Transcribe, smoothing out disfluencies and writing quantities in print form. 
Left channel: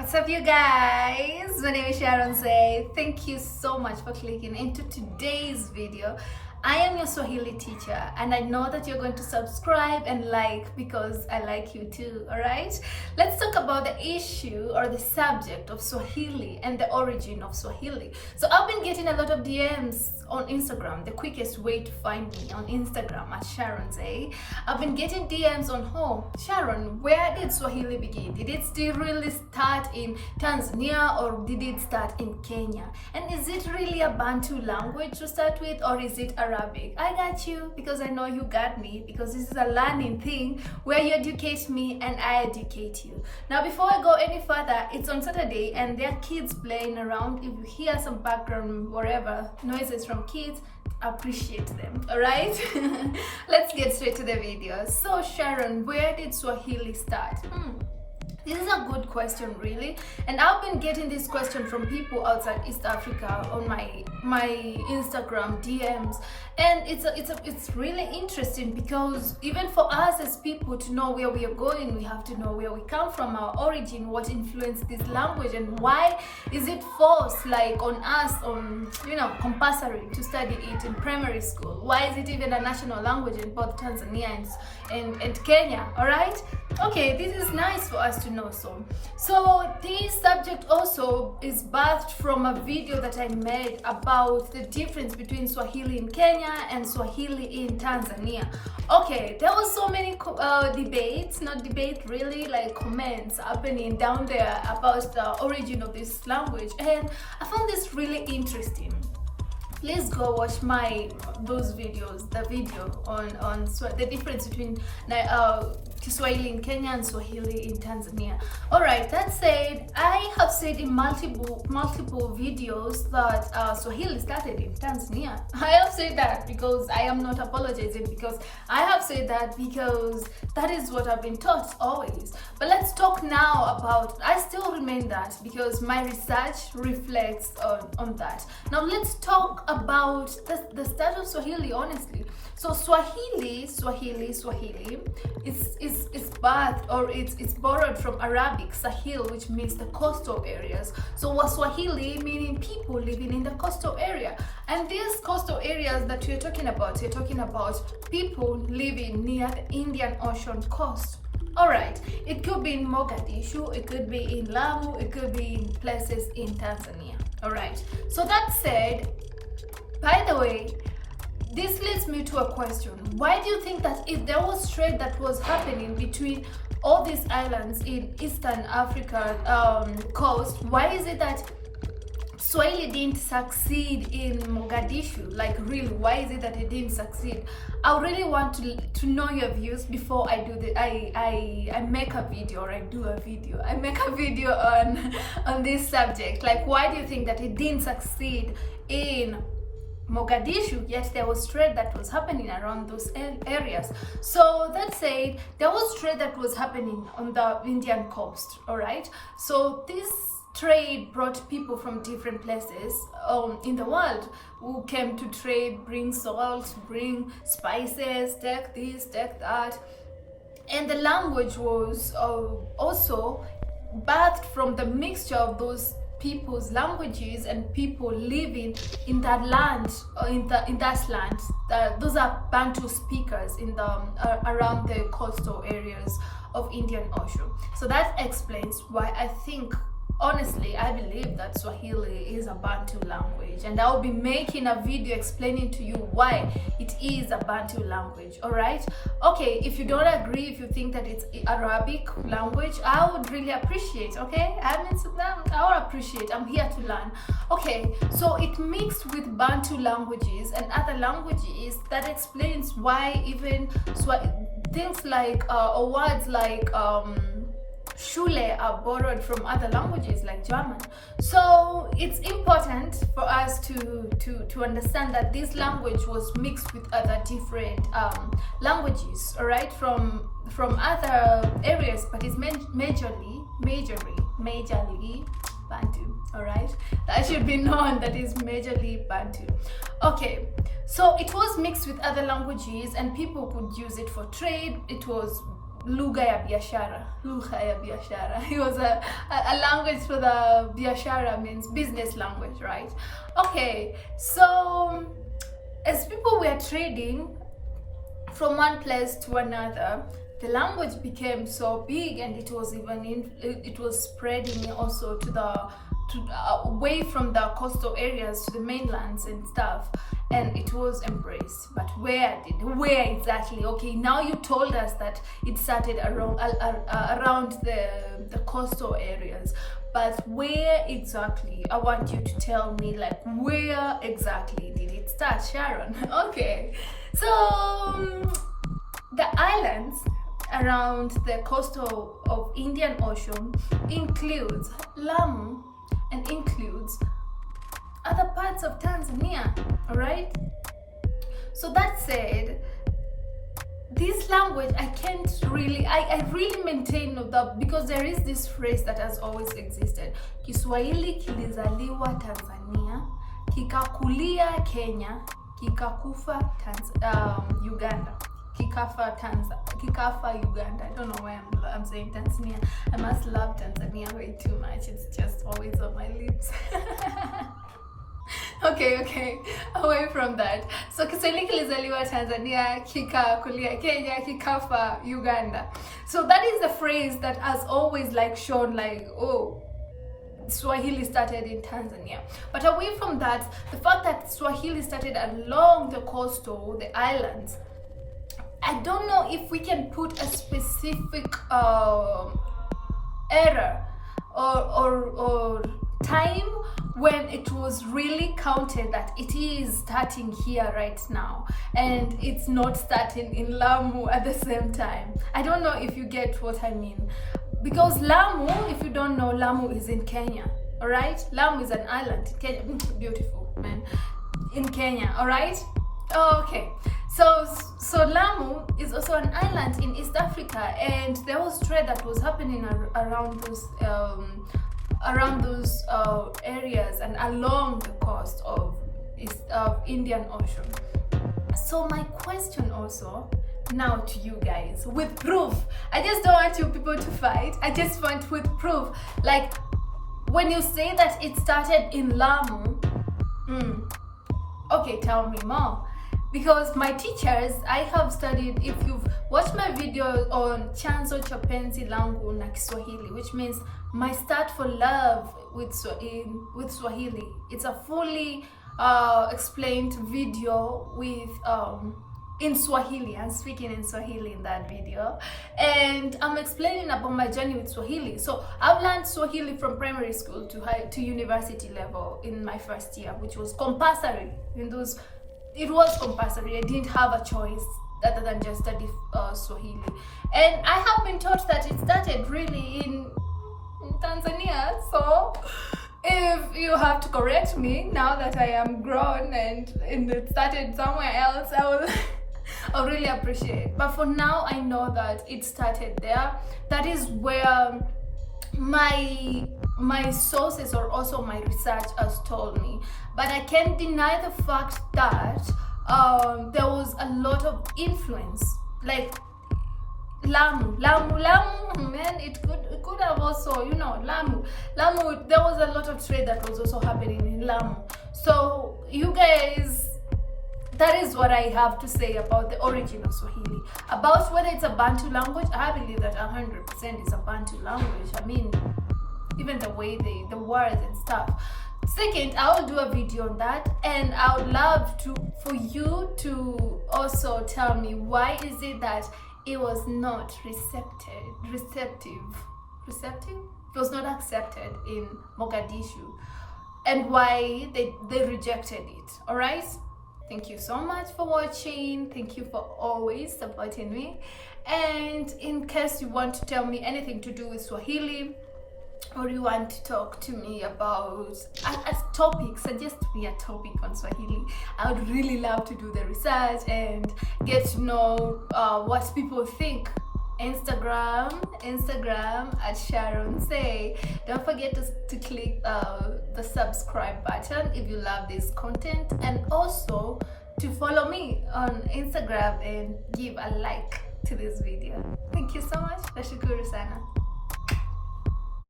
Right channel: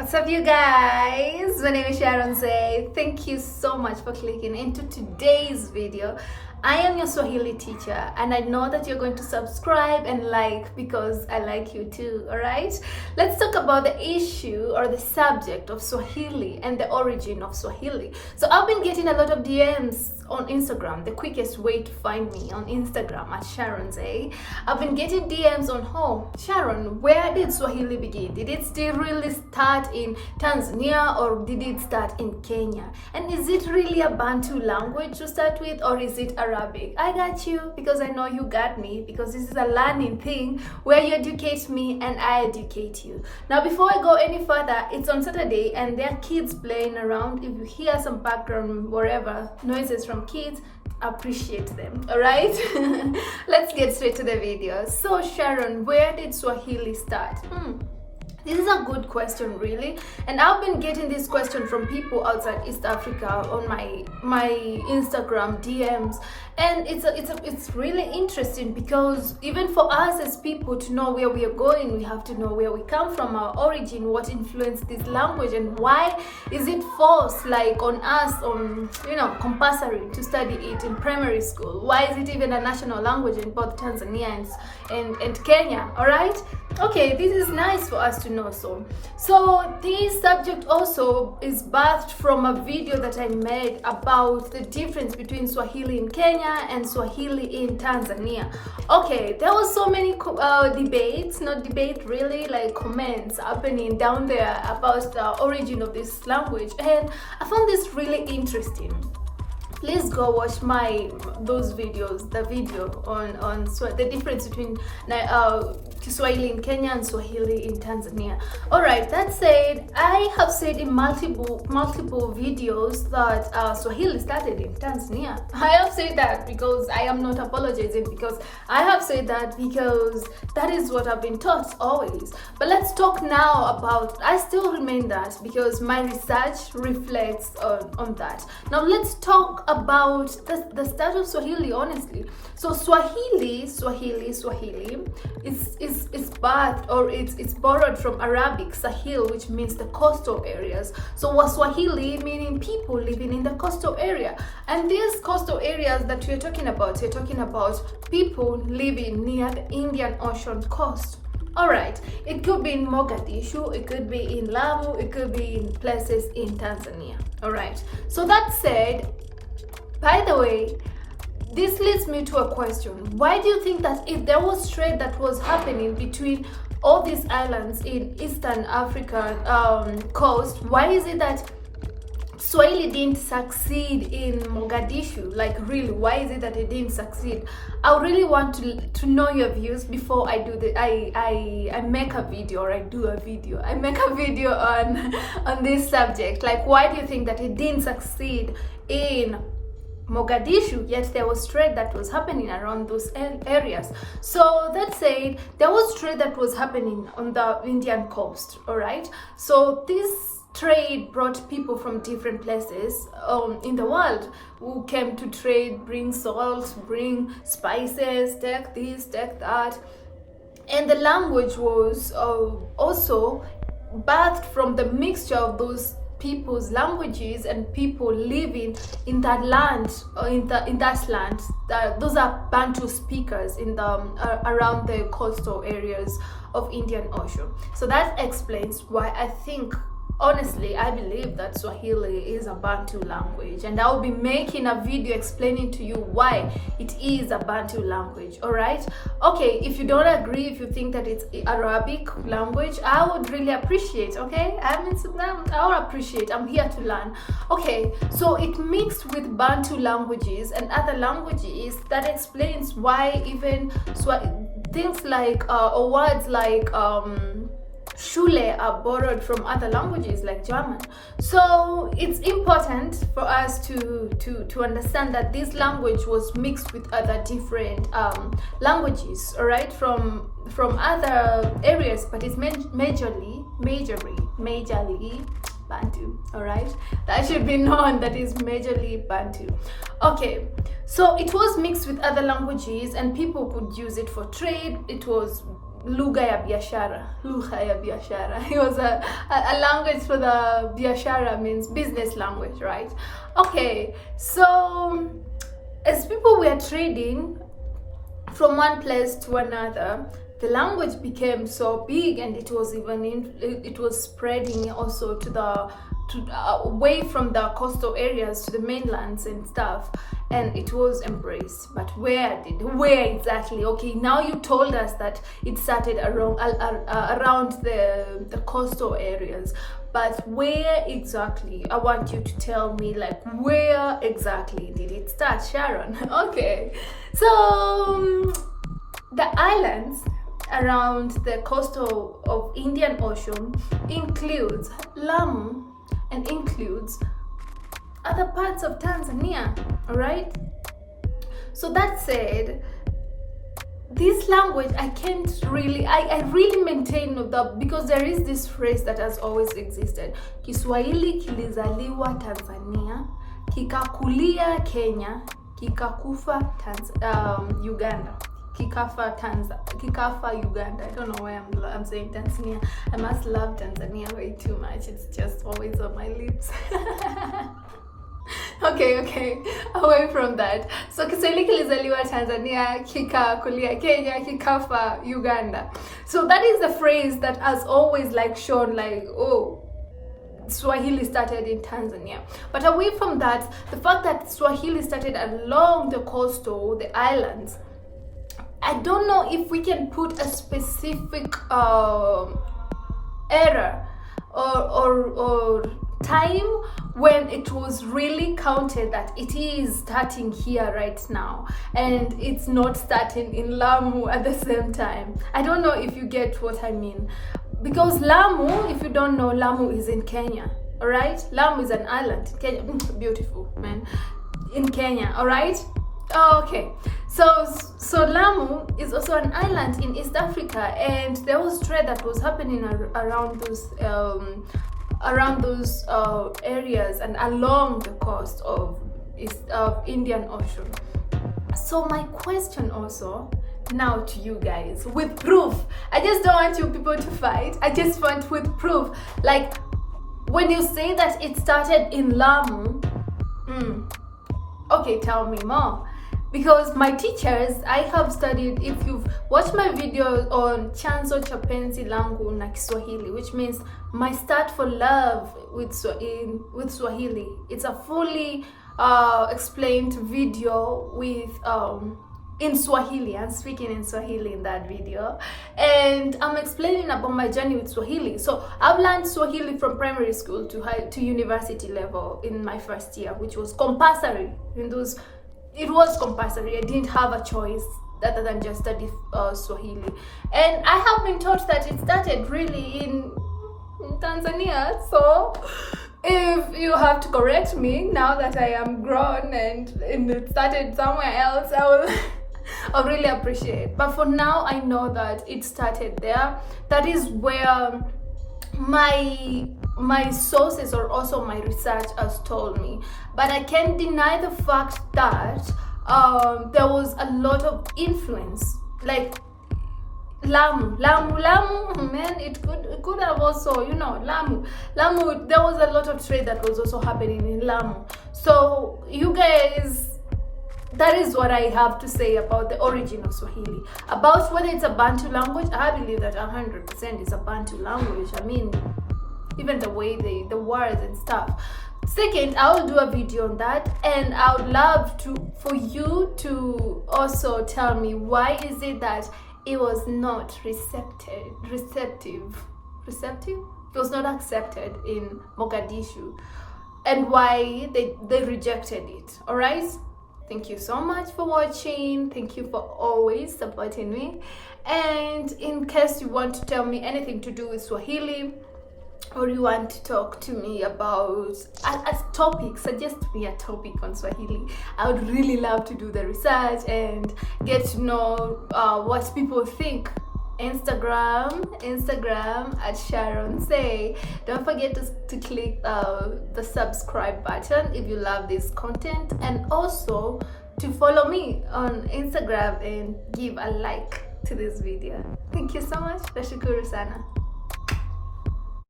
What's up, you guys? My name is Sharon Say. Thank you so much for clicking into today's video. I am your Swahili teacher, and I know that you're going to subscribe and like because I like you too, alright? Let's talk about the issue or the subject of Swahili and the origin of Swahili. So I've been getting a lot of DMs on Instagram. The quickest way to find me on Instagram at Sharon Say. I've been getting DMs on, oh, Sharon, where did Swahili begin? Did it still really start in Tanzania or did it start in Kenya? And is it really a Bantu language to start with, or is it Arabic? I got you because I know you got me, because this is a learning thing where you educate me and I educate you. Now, before I go any further, it's on Saturday and there are kids playing around. If you hear some background, whatever noises from kids, appreciate them, all right? Let's get straight to the video. So Sharon, where did Swahili start? This is a good question, really, and I've been getting this question from people outside East Africa on my Instagram DMs, and it's really interesting because even for us as people to know where we are going, we have to know where we come from, our origin, what influenced this language, and why is it forced, like on us, on compulsory to study it in primary school? Why is it even a national language in both Tanzania and Kenya? All right. Okay, this is nice for us to know. So this subject also is birthed from a video that I made about the difference between Swahili in Kenya and Swahili in Tanzania. Okay, there was so many debates, not debate really, like comments happening down there about the origin of this language, and I found this really interesting. Please go watch those videos, the video on the difference between Swahili in Kenya and Swahili in Tanzania. All right, that said, I have said in multiple videos that Swahili started in Tanzania. I have said that because I am not apologizing, because I have said that because that is what I've been taught always. But let's talk now about, I still remain that because my research reflects on that. Now let's talk about the start of Swahili, honestly. So Swahili is birthed, or it's borrowed from Arabic Sahil, which means the coastal areas. So Swahili meaning people living in the coastal area, and these coastal areas that you're talking about people living near the Indian Ocean coast. All right, it could be in Mogadishu, it could be in Lamu, it could be in places in Tanzania. All right, so that said, by the way, this leads me to a question. Why do you think that if there was trade that was happening between all these islands in Eastern Africa coast, why is it that Swahili didn't succeed in Mogadishu? Like, really, why is it that it didn't succeed? I really want to know your views before I do I make a video, or I do a video. I make a video on this subject. Like, why do you think that it didn't succeed in Mogadishu, yet there was trade that was happening around those areas? So that said, there was trade that was happening on the Indian coast, all right? So this trade brought people from different places in the world who came to trade, bring salt, bring spices, take this, take that. And the language was also birthed from the mixture of those people's languages and people living in that land, or in that land. Those are Bantu speakers in the around the coastal areas of Indian Ocean. So that explains why I think, honestly, I believe that Swahili is a Bantu language, and I will be making a video explaining to you why it is a Bantu language. All right, okay, if you don't agree, if you think that it's Arabic language, I would really appreciate, okay? I would appreciate. I'm here to learn. Okay, so it mixed with Bantu languages and other languages. That explains why even things like or words like Schule are borrowed from other languages like German. So it's important for us to understand that this language was mixed with other different languages, all right, from other areas, but it's majorly Bantu, all right? That should be known, that is majorly Bantu. Okay, so it was mixed with other languages and people could use it for trade. It was lugha ya biashara. Lugha ya biashara. It was a language for the biashara, means business language, right? Okay, so as people were trading from one place to another, the language became so big, and it was even it was spreading also away from the coastal areas to the mainlands and stuff, and it was embraced. But where exactly? Okay, now you told us that it started around the coastal areas, but where exactly? I want you to tell me, like, where exactly did it start, Sharon? Okay, so the islands around the coastal of Indian Ocean includes Lamu and includes other parts of Tanzania, all right? So that said, this language I really maintain that, because there is this phrase that has always existed: Kiswahili kilizaliwa Tanzania, kikakulia Kenya, kikakufa Uganda. Kikafa Uganda. I don't know why I'm saying Tanzania. I must love Tanzania way too much. It's just always on my lips. Okay, away from that. So Kiswahili kilizaliwa Tanzania, kikakulia Kenya, kikafa Uganda. So that is the phrase that has always like shown like, oh, Swahili started in Tanzania. But away from that, the fact that Swahili started along the coastal, the islands, I don't know if we can put a specific era or time when it was really counted that it is starting here right now, and it's not starting in Lamu at the same time. I don't know if you get what I mean, because Lamu, if you don't know, Lamu is in Kenya, all right? Lamu is an island in Kenya. Beautiful, man. In Kenya, all right? Okay, so Lamu is also an island in East Africa, and there was trade that was happening around those areas and along the coast of Indian Ocean. So my question also now to you guys, with proof. I just don't want you people to fight. I just want with proof. Like, when you say that it started in Lamu, okay, tell me more. Because my teachers, I have studied, if you've watched my video on chanzo cha penzi langu na Kiswahili, which means my start for love with Swahili. It's a fully explained video with in Swahili. I'm speaking in Swahili in that video, and I'm explaining about my journey with Swahili. So I've learned Swahili from primary school to university level in my first year, which was compulsory. It was compulsory. I didn't have a choice other than just study Swahili. And I have been taught that it started really in Tanzania. So if you have to correct me now that I am grown and it started somewhere else, I really appreciate. But for now, I know that it started there. That is where my sources or also my research has told me. But I can't deny the fact that there was a lot of influence, like Lamu, man, it could have also, Lamu, there was a lot of trade that was also happening in Lamu. So you guys, that is what I have to say about the origin of Swahili. About whether it's a Bantu language, I believe that 100% is a Bantu language. I mean, even the way the words and stuff. Second, I will do a video on that, and I would love for you to also tell me why is it that it was not receptive? It was not accepted in Mogadishu, and why they rejected it. All right. Thank you so much for watching. Thank you for always supporting me. And in case you want to tell me anything to do with Swahili, or you want to talk to me about a topic, suggest me a topic on Swahili. I would really love to do the research and get to know what people think. Instagram at Sharon Say. Don't forget to click the subscribe button if you love this content, and also to follow me on Instagram and give a like. to this video. Thank you so much. Nashukuru sana.